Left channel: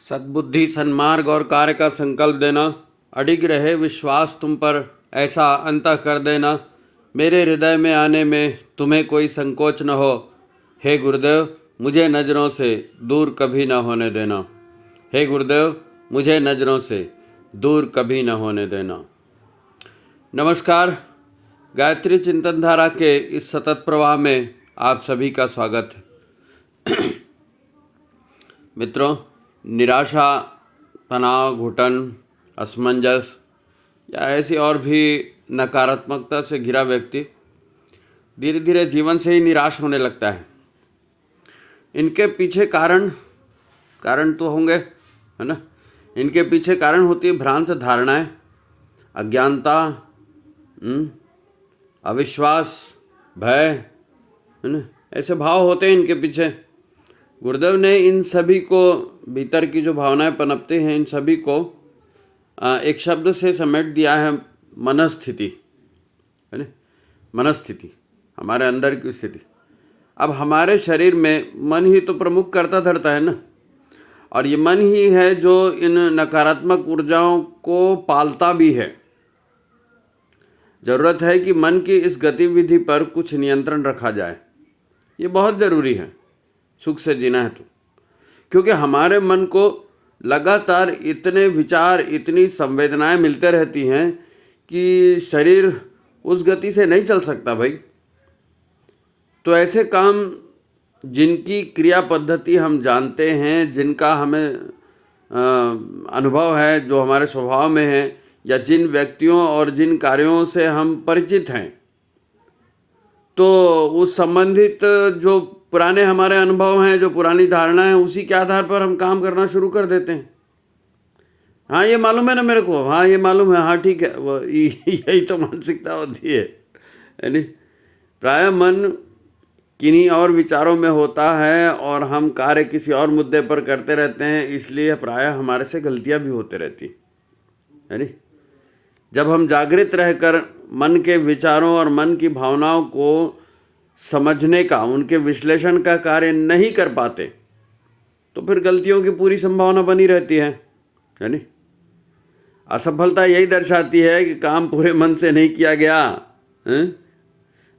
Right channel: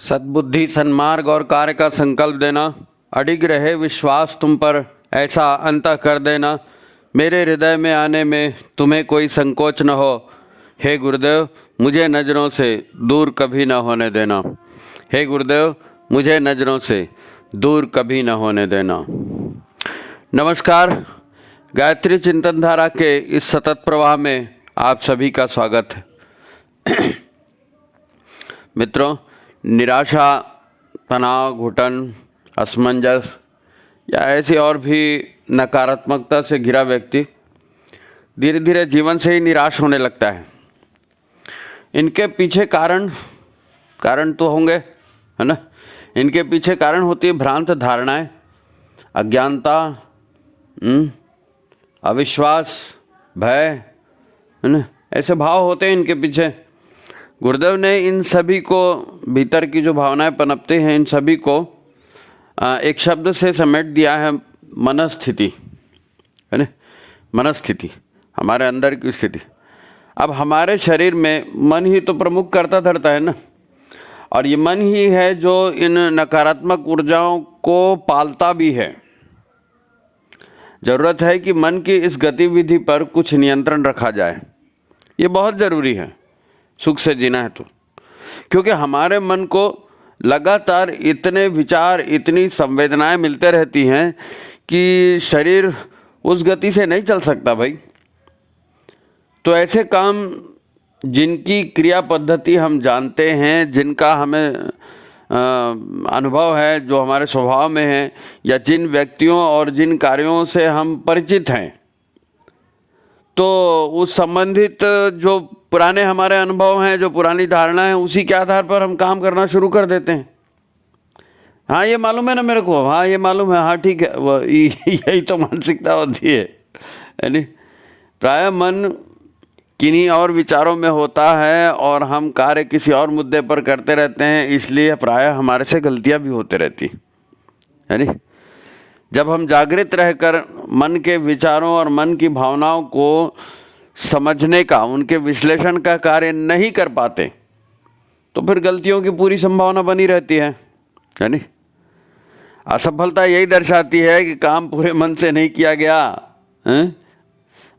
सद्बुद्धि, सन्मार्ग और कार्य का संकल्प देना, अडिग रहे विश्वास तुम पर, ऐसा अंतः कर देना, मेरे हृदय में आने में तुम्हें कोई संकोच न हो। हे गुरुदेव, मुझे नज़रों से दूर कभी न होने देना। हे गुरुदेव, मुझे नज़रों से दूर कभी न होने देना। नमस्कार, गायत्री चिंतन धारा के इस सतत प्रवाह में आप सभी का स्वागत है। मित्रों, निराशा, तनाव, घुटन, असमंजस या ऐसी और भी नकारात्मकता से घिरा व्यक्ति धीरे धीरे जीवन से ही निराश होने लगता है। इनके पीछे कारण तो होंगे, है ना। इनके पीछे कारण होती है भ्रांत धारणाएं, अज्ञानता, अविश्वास, भय, है ना। ऐसे भाव होते हैं इनके पीछे। गुरुदेव ने इन सभी को, भीतर की जो भावनाएं पनपते हैं, इन सभी को एक शब्द से समेट दिया है, मनस्थिति, है ना। मनस्थिति, हमारे अंदर की स्थिति। अब हमारे शरीर में मन ही तो प्रमुख कर्ता धरता है ना, और ये मन ही है जो इन नकारात्मक ऊर्जाओं को पालता भी है। ज़रूरत है कि मन की इस गतिविधि पर कुछ नियंत्रण रखा जाए। ये बहुत ज़रूरी है सुख से जीना है तो, क्योंकि हमारे मन को लगातार इतने विचार, इतनी संवेदनाएं मिलते रहती हैं कि शरीर उस गति से नहीं चल सकता भाई। तो ऐसे काम जिनकी क्रिया पद्धति हम जानते हैं, जिनका हमें अनुभव है, जो हमारे स्वभाव में है, या जिन व्यक्तियों और जिन कार्यों से हम परिचित हैं, तो उस संबंधित जो पुराने हमारे अनुभव हैं, जो पुरानी धारणा है, उसी के आधार पर हम काम करना शुरू कर देते हैं। हाँ, ये मालूम है ना मेरे को, हाँ ये मालूम है, हाँ ठीक है, वह यही तो मानसिकता होती है, यानी प्रायः मन किन्हीं और विचारों में होता है और हम कार्य किसी और मुद्दे पर करते रहते हैं, इसलिए प्रायः हमारे से गलतियां भी होते रहती है नी। जब हम जागृत रहकर मन के विचारों और मन की भावनाओं को समझने का, उनके विश्लेषण का कार्य नहीं कर पाते, तो फिर गलतियों की पूरी संभावना बनी रहती है नी। असफलता यही दर्शाती है कि काम पूरे मन से नहीं किया गया है?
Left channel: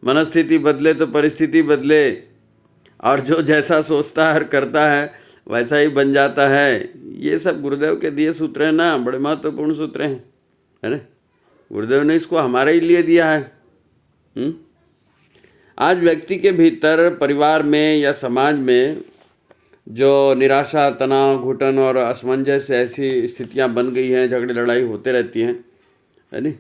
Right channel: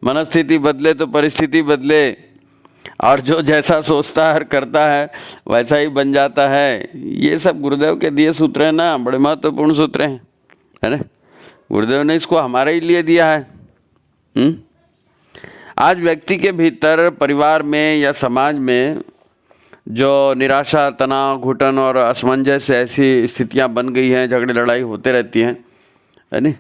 मनस्थिति बदले तो परिस्थिति बदले, और जो जैसा सोचता है और करता है वैसा ही बन जाता है। ये सब गुरुदेव के दिए सूत्र हैं ना, बड़े महत्वपूर्ण सूत्र हैं, है ना। गुरुदेव ने इसको हमारे ही लिए दिया है। आज व्यक्ति के भीतर, परिवार में या समाज में जो निराशा, तनाव, घुटन और असमंजस ऐसी स्थितियां बन गई हैं, झगड़े लड़ाई होते रहती हैं, है ना।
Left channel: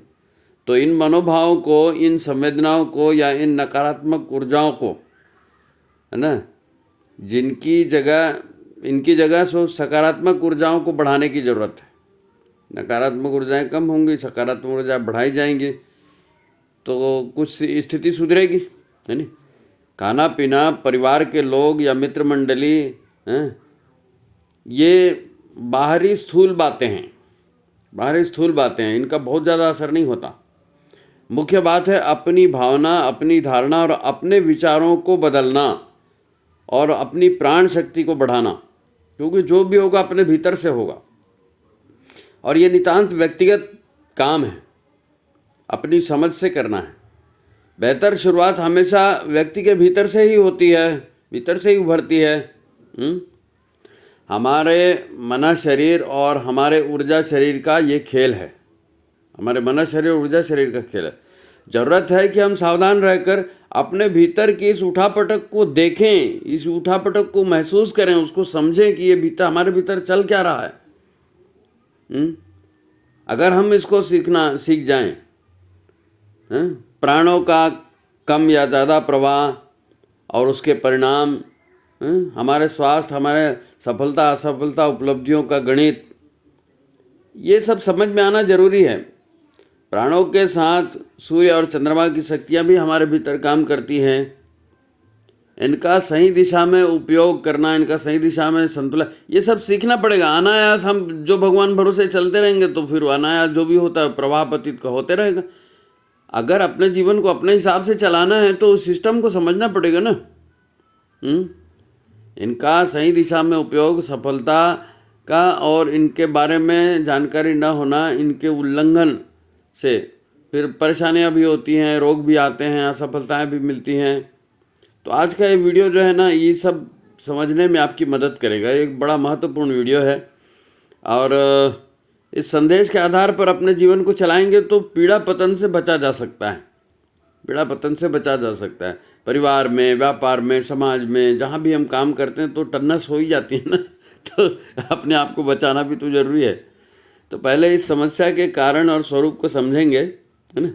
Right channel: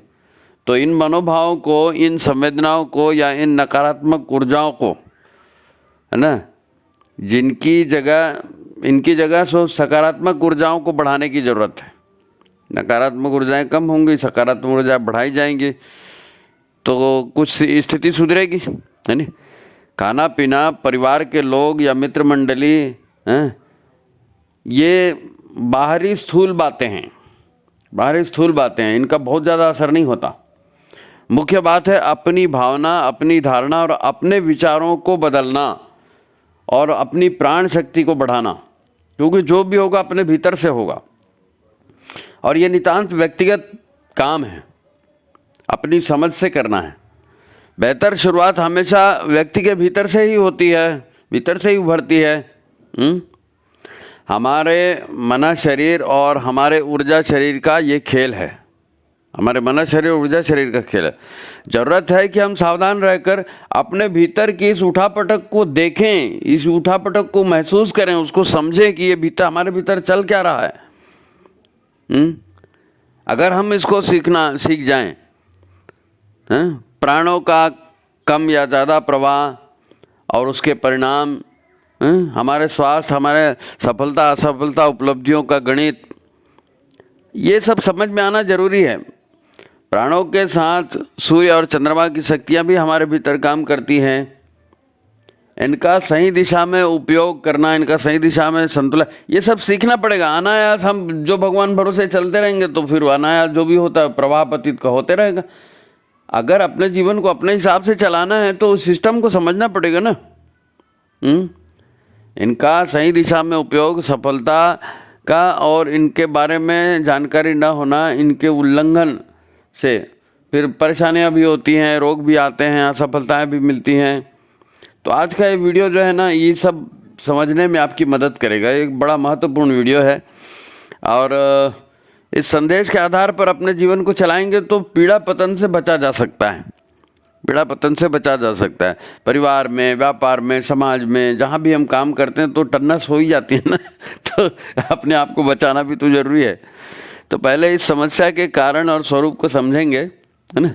तो इन मनोभावों को, इन संवेदनाओं को या इन नकारात्मक ऊर्जाओं को, है ना, इनकी जगह सकारात्मक ऊर्जाओं को बढ़ाने की ज़रूरत है। नकारात्मक ऊर्जाएं कम होंगी, सकारात्मक ऊर्जाएं बढ़ाई जाएंगी तो कुछ स्थिति सुधरेगी, है ना। खाना पीना, परिवार के लोग या मित्र मंडली, हैं, ये बाहरी स्थूल बातें हैं, इनका बहुत ज़्यादा असर नहीं होता। मुख्य बात है अपनी भावना, अपनी धारणा और अपने विचारों को बदलना और अपनी प्राण शक्ति को बढ़ाना, क्योंकि जो भी होगा अपने भीतर से होगा, और ये नितांत व्यक्तिगत काम है, अपनी समझ से करना है। बेहतर शुरुआत हमेशा व्यक्ति के भीतर से ही होती है, भीतर से ही उभरती है। हमारे मन, शरीर और हमारे ऊर्जा शरीर का ये खेल है, हमारे मन, शरीर, ऊर्जा शरीर का खेल है। ज़रूरत है कि हम सावधान रहकर अपने भीतर की इस उठापटक को देखें, इस उठापटक को महसूस करें, उसको समझें कि ये भीतर, हमारे भीतर चल क्या रहा है। अगर हम इसको सीख जाएं, प्राणों का कम या ज़्यादा प्रवाह और उसके परिणाम, हमारे स्वास्थ्य, हमारे सफलता असफलता, उपलब्धियों का गणित, ये सब समझ में आना जरूरी है। प्राणों के साथ सूर्य और चंद्रमा की शक्तियाँ भी हमारे भीतर काम करती हैं। इनका सही दिशा में उपयोग करना, इनका सही दिशा में संतुलन, ये सब सीखना पड़ेगा। अनायास हम जो भगवान भरोसे चलते रहेंगे तो फिर अनायास जो भी होता है प्रवाह पतित का होते रहेगा। अगर अपने जीवन को अपने हिसाब से चलाना है तो उस सिस्टम को समझना पड़ेगा ना। इनका सही दिशा में उपयोग सफलता का और इनके बारे में जानकारी न होना, इनके उल्लंघन से फिर परेशानियां भी होती हैं, रोग भी आते हैं, असफलताएं भी मिलती हैं। तो आज का ये वीडियो जो है ना, ये सब समझने में आपकी मदद करेगा। एक बड़ा महत्वपूर्ण वीडियो है और इस संदेश के आधार पर अपने जीवन को चलाएंगे तो पीड़ा पतन से बचा जा सकता है। पीड़ा पतन से बचा जा सकता है। परिवार में, व्यापार में, समाज में, जहाँ भी हम काम करते हैं तो टन्नस हो ही जाती है ना तो अपने आप को बचाना भी तो जरूरी है। तो पहले इस समस्या के कारण और स्वरूप को समझेंगे, है ना,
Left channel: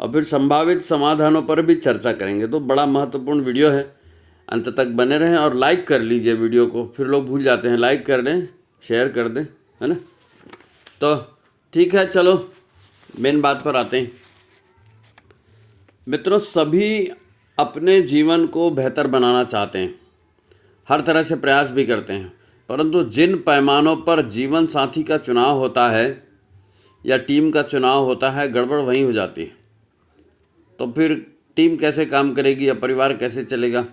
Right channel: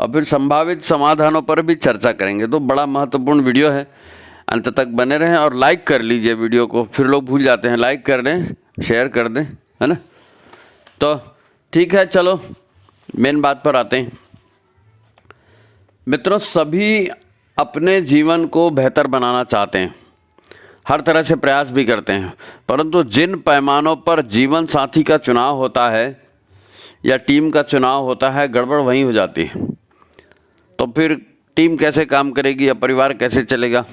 और फिर संभावित समाधानों पर भी चर्चा करेंगे। तो बड़ा महत्वपूर्ण वीडियो है, अंत तक बने रहें और लाइक कर लीजिए वीडियो को। फिर लोग भूल जाते हैं, लाइक कर दें, शेयर कर दें, है ना। तो ठीक है, चलो मेन बात पर आते हैं। मित्रों, सभी अपने जीवन को बेहतर बनाना चाहते हैं, हर तरह से प्रयास भी करते हैं, परंतु जिन पैमानों पर जीवन साथी का चुनाव होता है या टीम का चुनाव होता है, गड़बड़ वहीं हो जाती है। तो फिर टीम कैसे काम करेगी या परिवार कैसे चलेगा,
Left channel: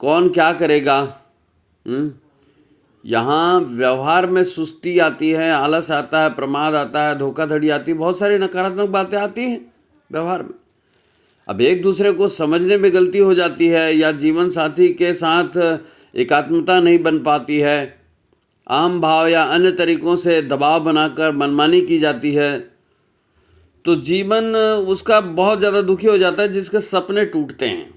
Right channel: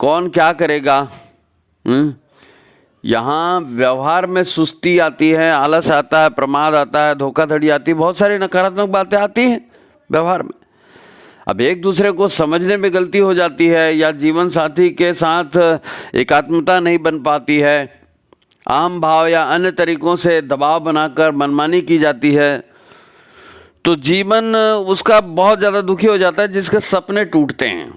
कौन क्या करेगा। यहाँ व्यवहार में सुस्ती आती है, आलस आता है, प्रमाद आता है, धोखाधड़ी आती है, बहुत सारी नकारात्मक बातें आती हैं व्यवहार में। अब एक दूसरे को समझने में गलती हो जाती है या जीवन साथी के साथ एकात्मता नहीं बन पाती है, आम भाव या अन्य तरीकों से दबाव बनाकर मनमानी की जाती है, तो जीवन उसका बहुत ज़्यादा दुखी हो जाता है, जिसके सपने टूटते हैं।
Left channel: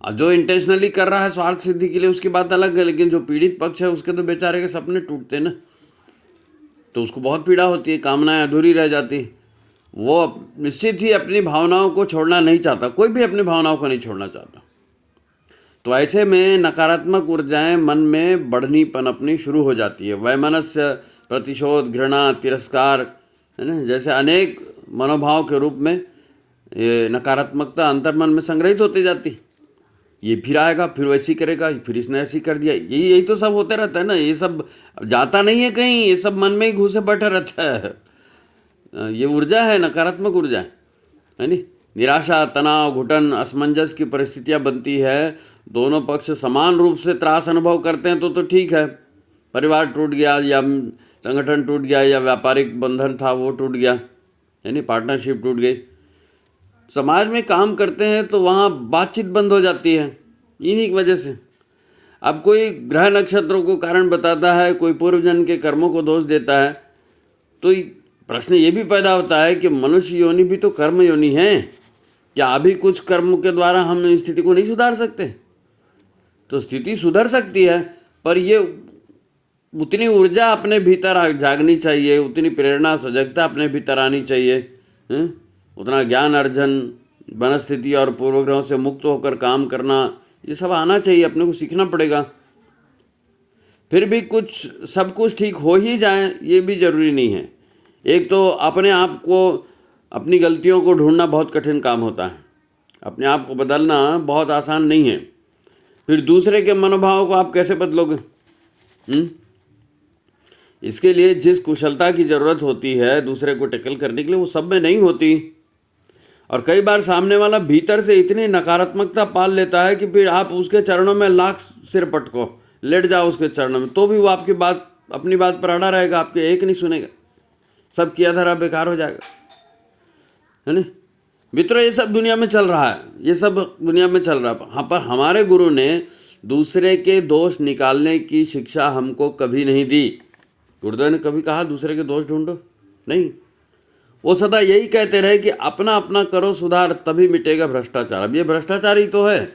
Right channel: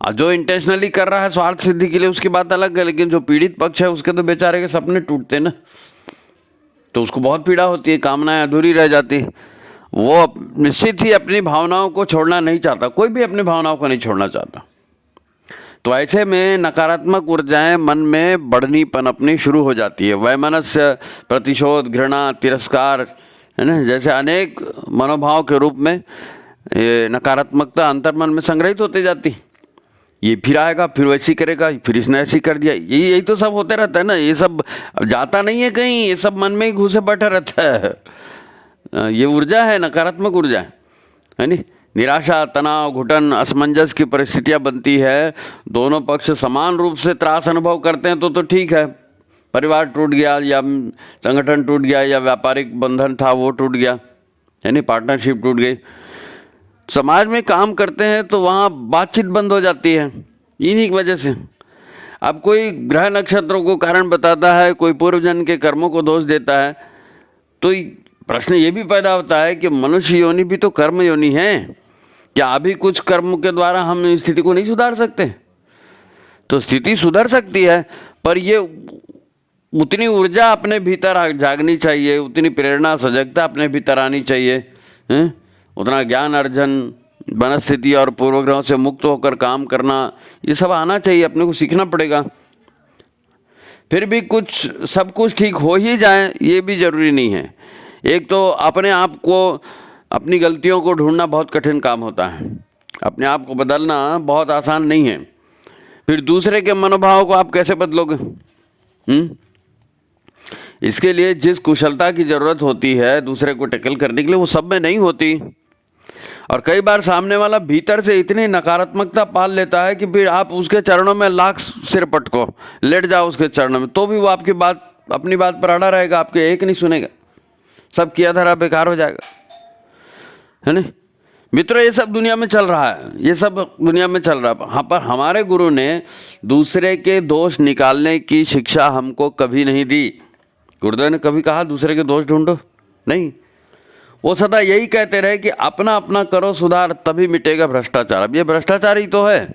जो इंटेंशनली कर रहा है स्वार्थ सिद्धि के लिए उसकी बात अलग है, लेकिन जो पीड़ित पक्ष है उसके तो बेचारे के सपने टूटते हैं ना, तो उसको बहुत पीड़ा होती है, कामनाएं अधूरी रह जाती है। वो निश्चित ही अपनी भावनाओं को छोड़ना नहीं चाहता, कोई भी अपनी भावनाओं को नहीं छोड़ना चाहता। तो ऐसे में नकारात्मक ऊर्जाएं मन में बढ़नी पनपनी शुरू हो जाती है। वैमनस्य, प्रतिशोध, घृणा, तिरस्कार, है ना, जैसे अनेक मनोभाव के रूप में ये नकारात्मकता अंतर्मन में संग्रहित होती जाती। ये फिर आएगा, फिर वैसी करेगा, फिर इसने ऐसी कर दिया, यही तो सब होते रहता है ना। ये सब जाता नहीं है कहीं, ये सब मन में ही घुसे बैठा रहता है। ये ऊर्जा है, नकारात्मक ऊर्जा है नी। निराशा, तनाव, घुटन, असमंजस की परिस्थितियां बनती है। दोनों पक्ष समान रूप से त्रास अनुभव करते हैं तो ठीक है। परिवार टूट गया या संगठन टूट गया या व्यापारिक बंधन था वो टूट गया, यानी पार्टनरशिप टूट गई। समाज में काम करते हैं तो वहाँ बातचीत बंद हो जाती है इन्हीं की वजह से। अब कोई ग्रह नक्षत्रों को कारण बताता है, कोई पूर्वजन्म के कर्मों को दोष देता है, तो प्रश्न ये भी पैदा होता है कि मनुष्य योनि भी तो कर्म योनि है, क्या अभी कुछ कर्म के द्वारा हम इस स्थिति को नहीं सुधार सकते? तो स्थिति सुधर सकती है, पर ये उतनी ऊर्जा अपने भीतर जागनी चाहिए, उतनी प्रेरणा, सजगता अपने भीतर आनी चाहिए, हैं? उतना ज्ञान अर्जन, मनस्थिति और पूर्वग्रहों से मुक्त होकर काम करना, ये सब आना चाहिए, अपने को सीखना पड़ेगा। फिर भी सब कुछ ठीक हो ही जाए ये भी जरूरी नहीं है। एक तो अपने आप को, अपनी गलतियों को ढूंढना बहुत कठिन काम होता है, अपने आप को बदलना बहुत आसान नहीं है। फिर दूसरे के मनोभाव को आप कैसे बदलोगे? इसके लिए जिस कुशलता की ज़रूरत होती है दूसरे को टैकल करने के लिए, वो सब में नहीं होती। और कई बार सामने वाला भीतर से इतनी नकारात्मकता पाल लेता है कि फिर आप उसके चरणों में लाख सिर पटको, लेट जाओ उसके चरणों में, तो भी वो आपकी बात, अपनी बात पर अड़ा रहेगा, आपके एक नहीं सुनेगा, सब किया धरा बेकार हो जाएगा, है ना। मित्रों, ये सब दुनिया में चल रहा है, ये सब दुनिया में चल रहा है। हाँ, पर हमारे गुरु ने दूसरे के दोष निकालने की शिक्षा हमको कभी नहीं दी। गुरुदेव ने कभी कहा दूसरे के दोष ढूंढो? नहीं। वो सदा यही कहते रहे कि अपना अपना करो सुधार, तभी मिटेगा भ्रष्टाचार। अब ये भ्रष्टाचार ही तो है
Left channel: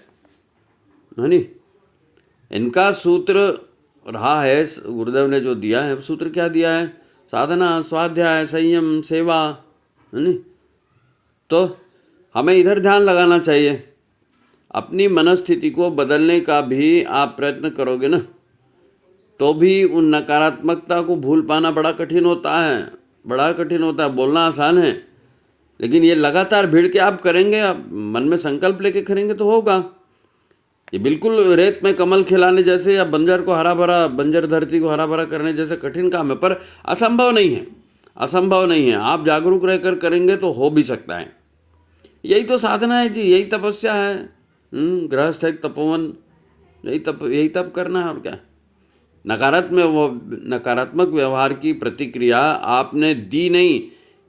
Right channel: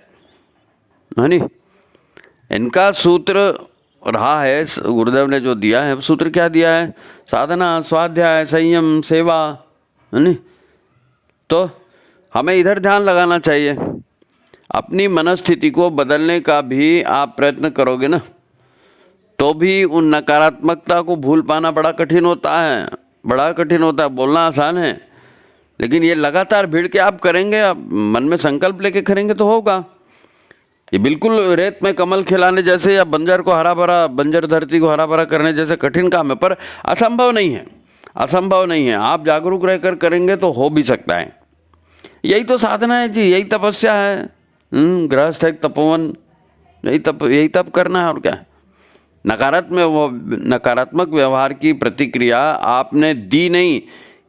नी। इनका सूत्र रहा है, गुरुदेव ने जो दिया है, सूत्र क्या दिया है? साधना, स्वाध्याय, संयम, सेवा, है नी। तो हमें इधर ध्यान लगाना चाहिए। अपनी मनस्थिति को बदलने का भी आप प्रयत्न करोगे ना, तो भी उन नकारात्मकता को भूल पाना बड़ा कठिन होता है, बड़ा कठिन होता है। बोलना आसान है, लेकिन ये लगातार भीड़ के आप करेंगे, आप मन में संकल्प लेके करेंगे तो होगा। ये बिल्कुल रेत में कमल खिलाने जैसे या बंजर को हरा भरा, बंजर धरती को हरा भरा करने जैसे कठिन काम है, पर असंभव नहीं है, असंभव नहीं है। आप जागरूक रहकर करेंगे तो हो भी सकता है। यही तो साधना है जी, यही तपस्या है। गृहस्थ एक तपोवन, यही तप करना है, और क्या। नकारात्मक व्यवहार की प्रतिक्रिया आपने दी नहीं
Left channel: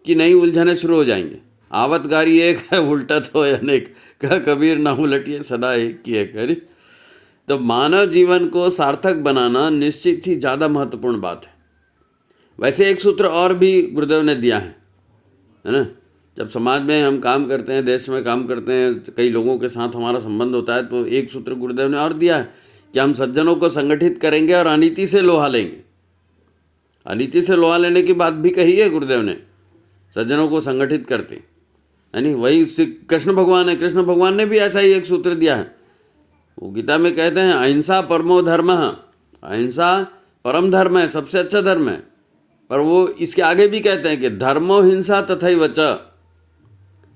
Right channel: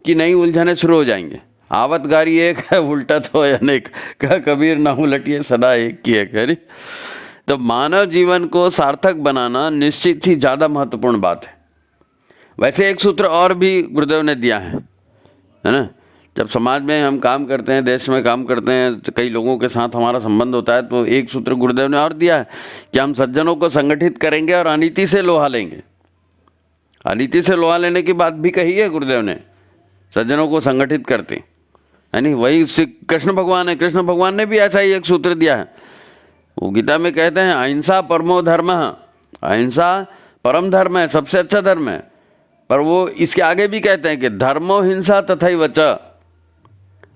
कि नई उलझने शुरू हो जाएंगे। आवत गारी एक है, उल्टा तो अनेक, कहा कबीर ना उलटिए सदा एक की है करी। तो मानव जीवन को सार्थक बनाना निश्चित ही ज़्यादा महत्वपूर्ण बात है। वैसे एक सूत्र और भी गुरुदेव ने दिया है ना। जब समाज में हम काम करते हैं, देश में काम करते हैं, तो कई लोगों के साथ हमारा संबंध होता है, तो एक सूत्र गुरुदेव ने और दिया है कि हम सज्जनों को संगठित करेंगे और अनीति से लोहा लेंगे। अनीति से लोहा लेने की बात भी कही है गुरुदेव ने, सज्जनों को संगठित करते, यानी वही कृष्ण भगवान है। कृष्ण भगवान ने भी ऐसा ही एक सूत्र दिया है। वो गीता में कहते हैं अहिंसा परमो धर्म, अहिंसा परम धर्म है, सबसे अच्छा धर्म है। पर वो इसके आगे भी कहते हैं कि धर्मो हिंसा तथैवच,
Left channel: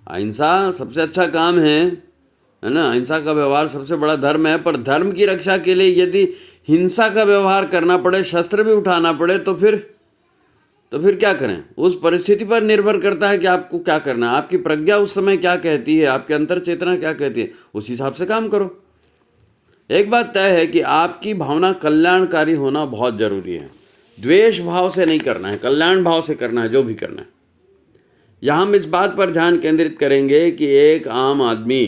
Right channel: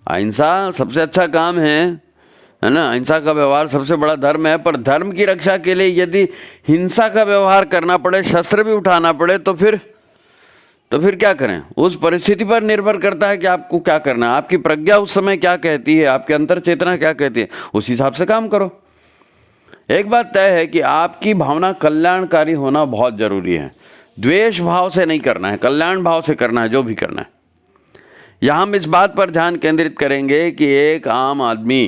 अहिंसा सबसे अच्छा काम है ना, अहिंसा का व्यवहार सबसे बड़ा धर्म है। पर धर्म की रक्षा के लिए यदि हिंसा का व्यवहार करना पड़े, शस्त्र भी उठाना पड़े, तो फिर क्या करें? उस परिस्थिति पर निर्भर करता है कि आपको क्या करना है, आपकी प्रज्ञा उस समय क्या कहती है, आपकी अंतर चेतना क्या कहती है, उस हिसाब से काम करो। एक बात तय है कि आपकी भावना कल्याणकारी होना बहुत जरूरी है। द्वेष भाव से नहीं करना है, कल्याण भाव से करना है जो भी करना है। यहाँ हम इस बात पर ध्यान केंद्रित करेंगे कि एक आम आदमी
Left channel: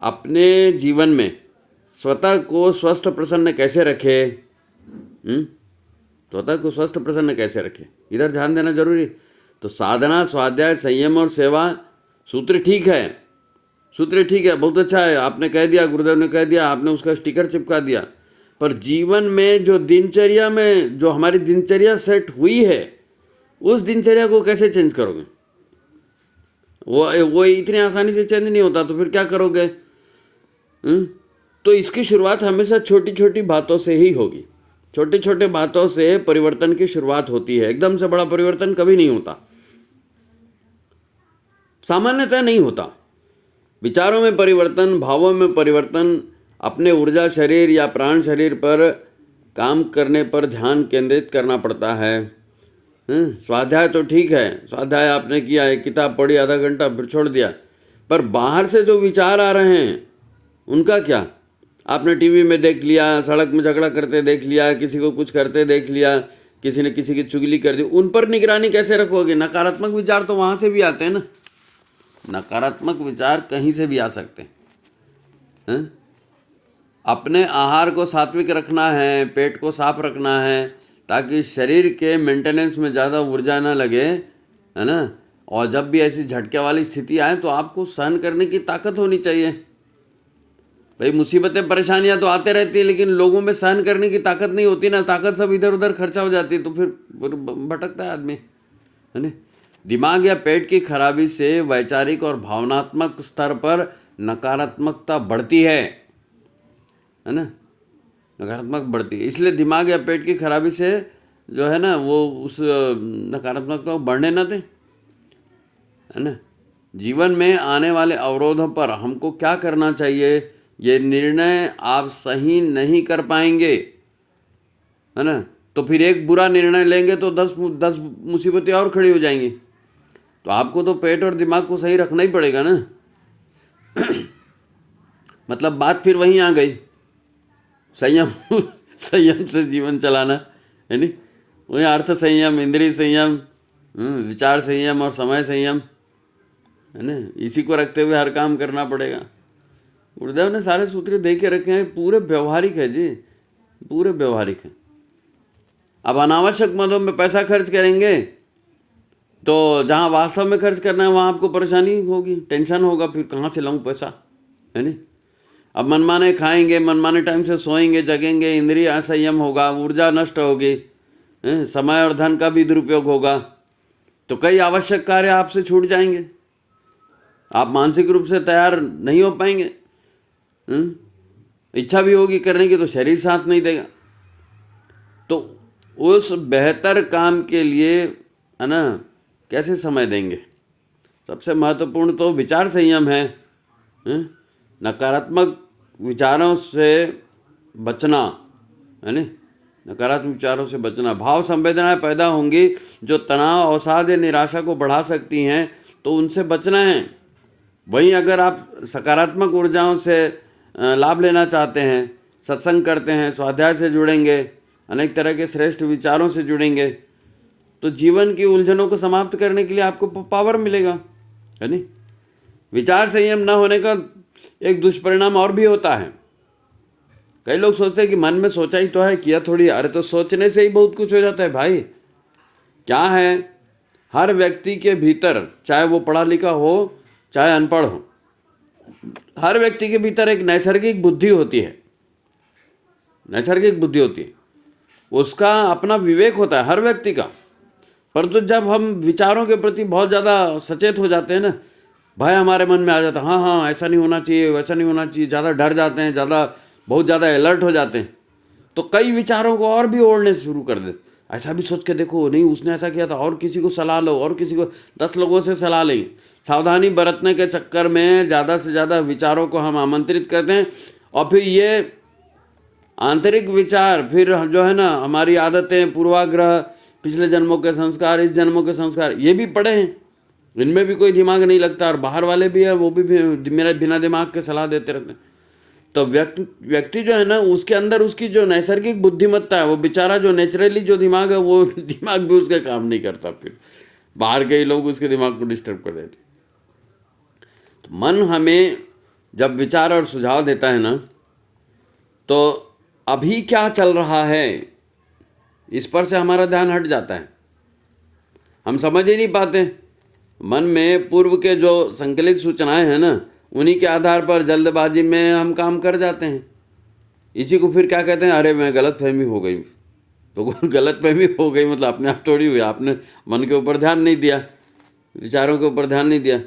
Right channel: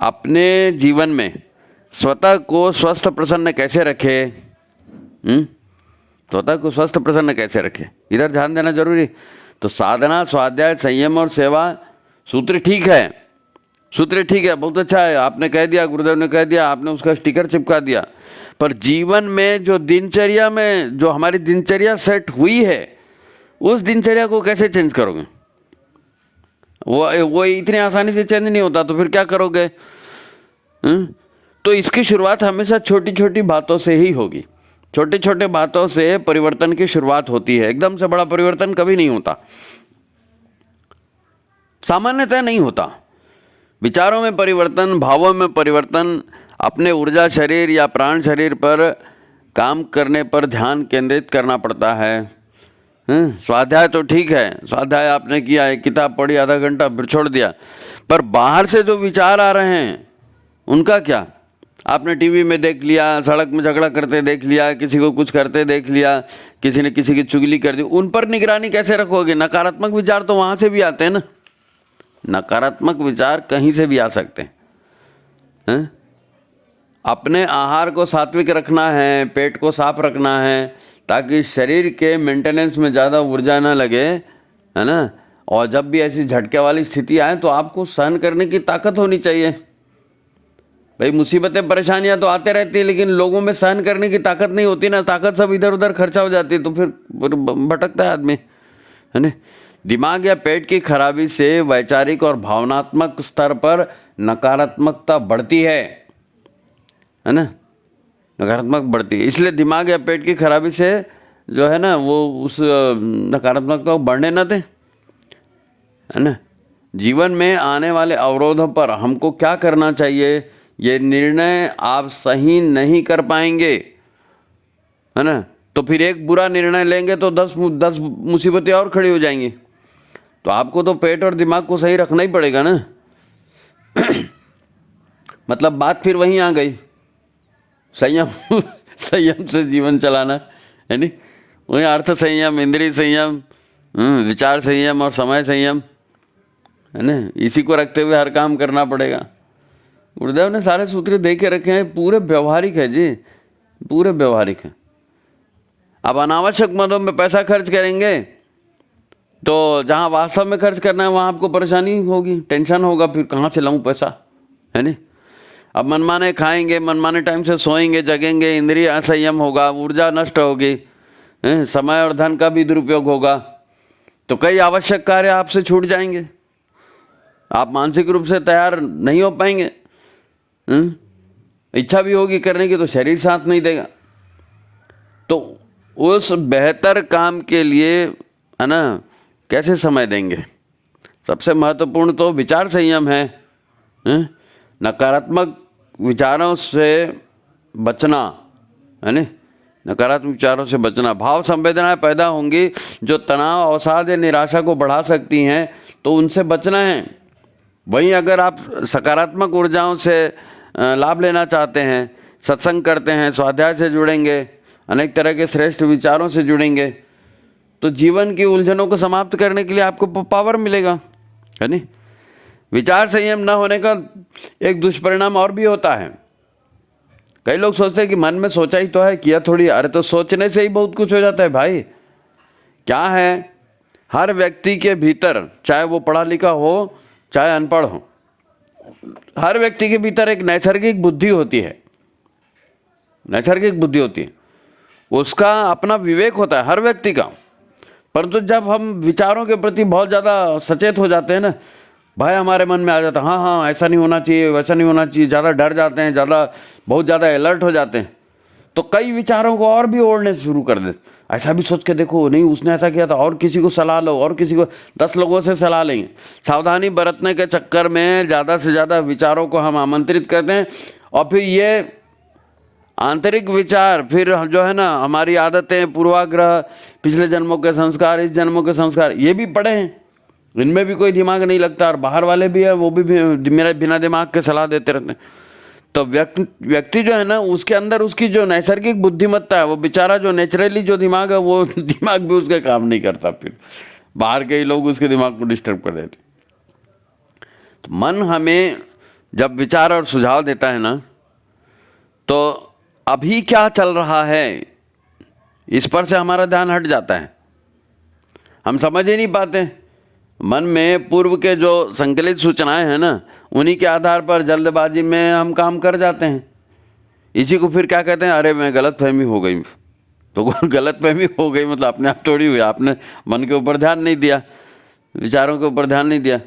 अपने जीवन में स्वतः को स्वस्थ प्रसन्न कैसे रखे, स्वतः को स्वस्थ प्रसन्न कैसे रखे, इधर ध्यान देना जरूरी। तो साधना, स्वाध्याय, संयम और सेवा, सूत्र ठीक है, सूत्र ठीक है, बहुत अच्छा है, आपने कह दिया, गुरुदेव ने कह दिया, आपने उसका स्टिकर चिपका दिया। पर जीवन में जो दिनचर्या में जो हमारी दिनचर्या सेट हुई है, उस दिनचर्या को कैसे चेंज करोगे? वो इतनी आसानी से चेंज नहीं होता, तो फिर क्या करोगे? तो इसकी शुरुआत हमेशा छोटी छोटी बातों से ही होगी। छोटे छोटे बातों से परिवर्तन की शुरुआत होती है। एकदम से बड़ा परिवर्तन कभी नहीं होता, सामान्यतः नहीं होता। विचारों में परिवर्तन, भावों में परिवर्तन, अपने ऊर्जा शरीर या प्राण शरीर पर काम करने पर ध्यान केंद्रित करना पड़ता है। स्वाध्याय तो ठीक है, स्वाध्याय आपने किया, एक किताब पढ़ी आधा घंटा फिर छोड़ दिया, पर बाहर से जो विचार आ रहे हैं उनका क्या? आपने टीवी में देख लिया, सड़क में झगड़ा करते देख लिया, किसी को कुछ करते देख लिया, किसी ने किसी की चुगली कर दी, उन पर निगरानी कैसे रखोगे? नकारात्मक विचार तो वहाँ से भी आते हैं ना, नकारात्मक विचार कहीं से भी आ सकते हैं। अपने आहार को सात्विक रखना है, पेट को साफ रखना है, ताकि शरीर के मेंटेनेंस में ज़्यादा ऊर्जा ना लगे, है ना। और जब भी ऐसी झटके वाली स्थिति आए तो आपको सहन करने की ताकत होनी चाहिए। भाई मुसीबतें परेशानियां तो आते रहती है, लेकिन लोगों में सहन करने की ताकत नहीं होती ना, ताकत सब इधर उधर खर्चा हो जाती है, तो फिर भटकता है आदमी, है ना। दिमाग या पेट की खराबी से वैचारिक और भावनात्मक स्तर पर नकारात्मकता बढ़ती है ना, नकारात्मक बढ़ती है। इसलिए दिमाग या पेट की खराबी से जो है ना, वो उस नकारात्मकता को बढ़ने न दें, है ना। जीवन में आने वाले अवरोधों पर हमको क्या करना चाहिए, ये निर्णय आप सही नहीं कर पाएंगे, है ना। तो फिर एक बुरा निर्णय लेंगे तो 10 मुसीबतें और खड़ी हो जाएंगी। तो आपको तो पेट और दिमाग को सही रखना ही पड़ेगा ना। मतलब बात फिर वहीं आ गई, संयम संयम से जीवन चलाना, है नी। वही अर्थ संयम, इंद्रिय संयम, विचार संयम और समय संयम, है ना। इसी को रखते हुए हर काम करना पड़ेगा। गुरुदेव ने सारे सूत्र दे के रखे हैं, पूरे व्यवहारिक है जी, पूरे व्यवहारिक है। अब अनावश्यक मदों में पैसा खर्च करेंगे तो जहाँ वास्तव में खर्च करना है वहाँ आपको परेशानी होगी, टेंशन होगा, फिर कहाँ से लाऊं पैसा, है नी। अब मनमाने खाएंगे, मनमाने टाइम से सोएंगे, जगेंगे, इंद्रिय असंयम होगा, ऊर्जा नष्ट होगी, समय और धन का भी दुरुपयोग होगा, तो कई आवश्यक कार्य आपसे छूट जाएंगे। आप मानसिक रूप से तैयार नहीं हो पाएंगे, इच्छा भी होगी करने की तो शरीर साथ नहीं देगा। तो उस बेहतर काम के लिए, है ना, कैसे समय देंगे? सबसे महत्वपूर्ण तो विचार संयम है। नकारात्मक विचारों से बचना, है ना, नकारात्मक विचारों से बचना। भाव संवेदनाएं पैदा होंगी जो तनाव, अवसाद या निराशा को बढ़ा सकती हैं, तो उनसे बचना है। वहीं अगर आप सकारात्मक ऊर्जाओं से लाभ लेना चाहते हैं, सत्संग करते हैं, स्वाध्याय से जुड़ेंगे, अनेक तरह के श्रेष्ठ विचारों से जुड़ेंगे, तो जीवन की उलझनों को समाप्त करने के लिए आपको पावर मिलेगा, है नहीं। विचार संयम न होने का एक दुष्परिणाम और भी होता है। कई लोग सोचते हैं कि मन में सोचा ही तो है, किया थोड़ी। अरे तो सोचने से ही बहुत कुछ हो जाता है भाई। क्या है, हर व्यक्ति के भीतर, चाहे वो पढ़ा लिखा हो चाहे अनपढ़ हो, हर व्यक्ति के भीतर एक नैसर्गिक बुद्धि होती है। नैसर्गिक बुद्धि होती है, उसका अपना विवेक होता है हर व्यक्ति का। परंतु जब हम विचारों के प्रति बहुत ज़्यादा सचेत हो जाते हैं ना, भय हमारे मन में आ जाता है, हाँ हाँ ऐसा नहीं होना चाहिए, वैसा नहीं होना चाहिए, ज़्यादा डर जाते हैं, बहुत ज़्यादा अलर्ट हो जाते हैं, तो कई विचारों को और भी ओढ़ने शुरू कर देते। ऐसा भी सोच के देखो, नहीं उसने ऐसा किया था, और किसी को सलाह लो, और किसी को 10 लोगों से सलाह लेंगे। सावधानी बरतने के चक्कर में ज़्यादा से ज़्यादा विचारों को हम आमंत्रित करते हैं, और फिर ये आंतरिक विचार, फिर जो है ना हमारी आदतें, पूर्वाग्रह, पिछले जन्मों के संस्कार, इस जन्मों के संस्कार, ये भी पड़े हैं, इनमें भी कोई दिमाग नहीं लगता। और बाहर वाले भी है, वो भी मेरा बिना दिमाग के सलाह देते रहते हैं। तो व्यक्ति जो है ना, उसके अंदर उसकी जो नैसर्गिक बुद्धिमत्ता है, वो बेचारा जो नेचुरली जो दिमाग है, वो दिमाग भी उसके काम नहीं करता। फिर बाहर के ही लोग उसके दिमाग को डिस्टर्ब कर देते। तो मन हमें जब विचार और सुझाव देता है ना, तो अभी क्या चल रहा है इस पर से हमारा ध्यान हट जाता है। हम समझ ही नहीं पाते। मन में पूर्व के जो संकलित सूचनाएं हैं ना, उन्हीं के आधार पर जल्दबाजी में हम काम कर जाते हैं। इसी को फिर क्या कहते हैं, अरे मैं गलतफहमी हो गई। तो गलतफहमी हो गई मतलब अपने आप थोड़ी हुई, आपने मन के ऊपर ध्यान नहीं दिया, विचारों के ऊपर ध्यान नहीं दिया।